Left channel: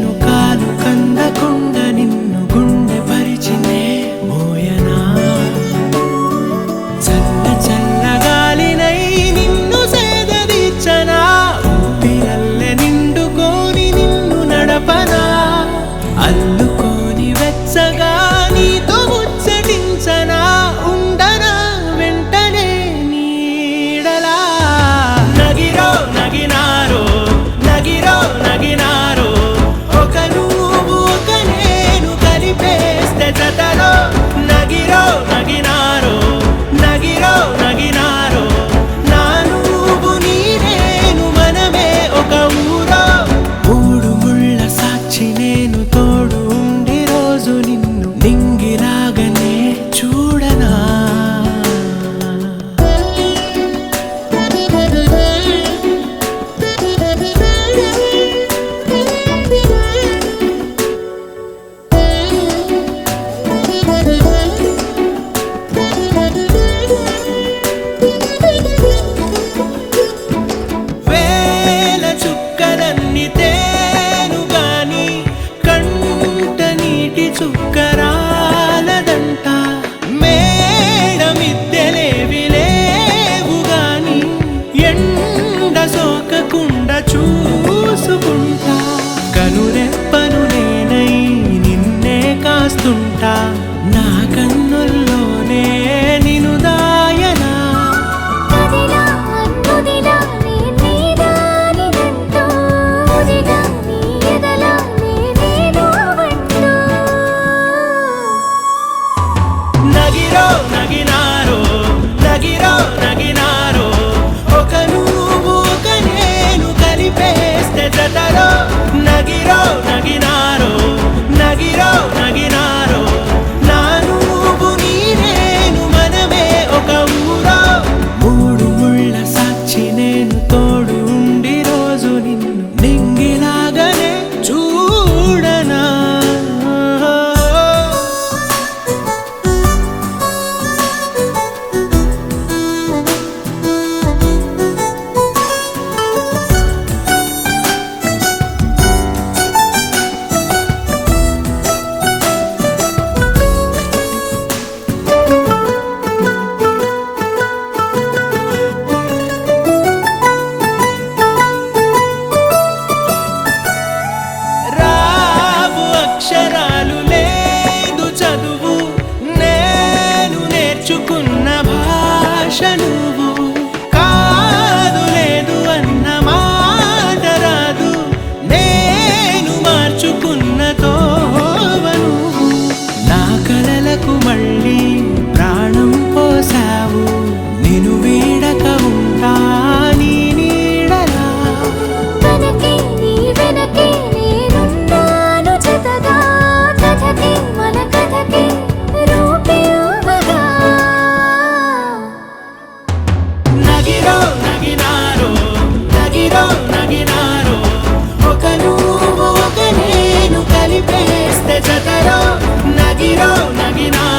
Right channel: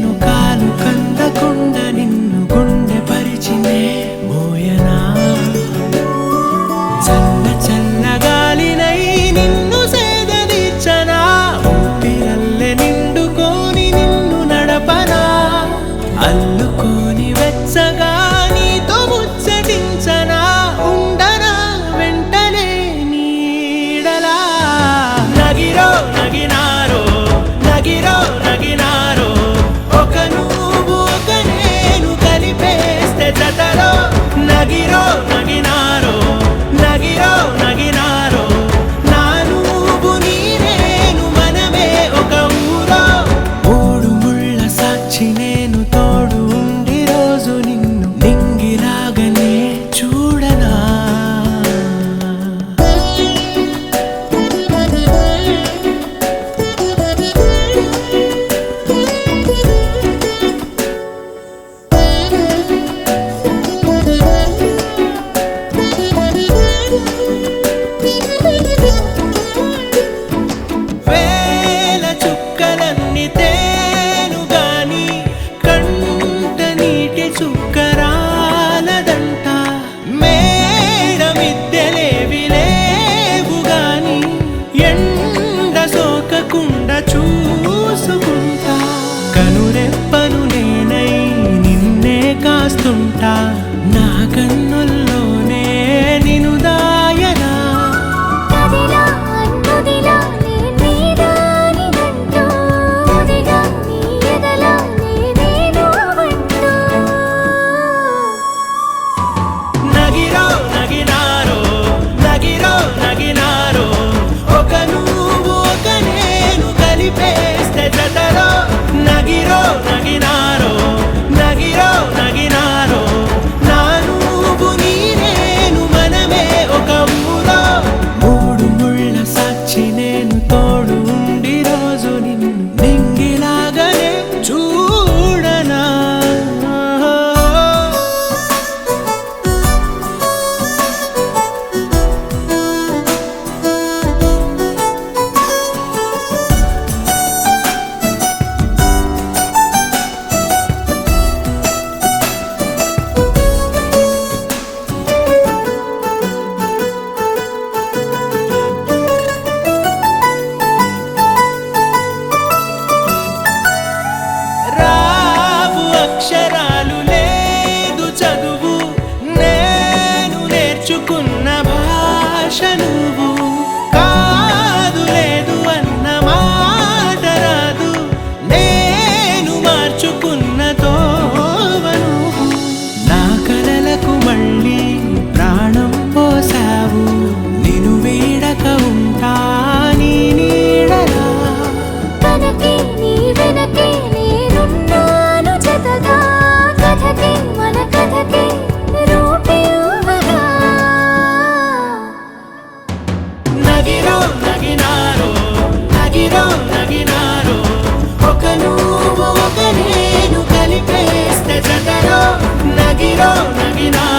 నేను కాలు కందకుండా నిన్ను గుండె పరిచినే మోయనా చల్ల చల్లగాలినై నిన్ను సేదదీర్చనా ఊపిరల్లె నిండుకొని నిన్ను నడపనా అల్లుకొని వెచ్చగా నీతో ముచ్చటించనా ఉండనా వెంటనే నీడలా నగిరో నగినారో నగిరో నగినారో ఒక నువ్వు ఒక నేను కలిపేస్తే జతలో నగిరో నగినారో నగిరో నగినారో నా నువ్వు నీ నేను మనమే ఒక ఊరో మూడు ముళ్ళ సాక్షి నేను తోడు ఉండి రోజు నిన్ను నింగిలాగనే చూడనా వేల చుక్కలన్నీ తేను గాని కంట నీటి చుక్కరాలదంట మేడ మిద్దెలేవి లేవు గాని ఎండ సోకకుండా చూసుకుంటా కనురెప్పను నేనై నిన్నే కాస్తుంటా నా కన్నుల్లోనే నిను దాయనా కదిలా అన్నుదిలా నే నీదానిదంటూ ఉదిగా నీ ఎదలా నేను వంటూ నగిరో నగినారో నగిరో నగినారో ఒక నువ్వు ఒక నేను కలిపేస్తే జతలో నగిరో నగినారో నగిరో నగినారో నా నువ్వు నీ నేను మనమే ఒక ఊరో మూడు ముళ్ళ సాక్షి నేను తోడు ఉండి రోజు నిన్ను నింగిలాగనే చూడనా రావు అక్షరాలు లేదు చదువు నేను నేర్చుకున్న భాష నువ్వు కాదు లేదు అన్న మాట రాదు నేను మార్చుకున్న తోవ నువ్వు నా కలలకు మళ్ళీ ప్రాణం పోసావు నిన్ను వీడక ఉంటా నీ నీడలా కనకే నీ వెనకే నేనున్నాను జతగా కథకే మన కథకే రూపివ్వగా నగిరో నగినారో నగిరో నగినారో ఒక నువ్వు ఒక నేను కలిపేస్తే జతలో నగిరో నగినారో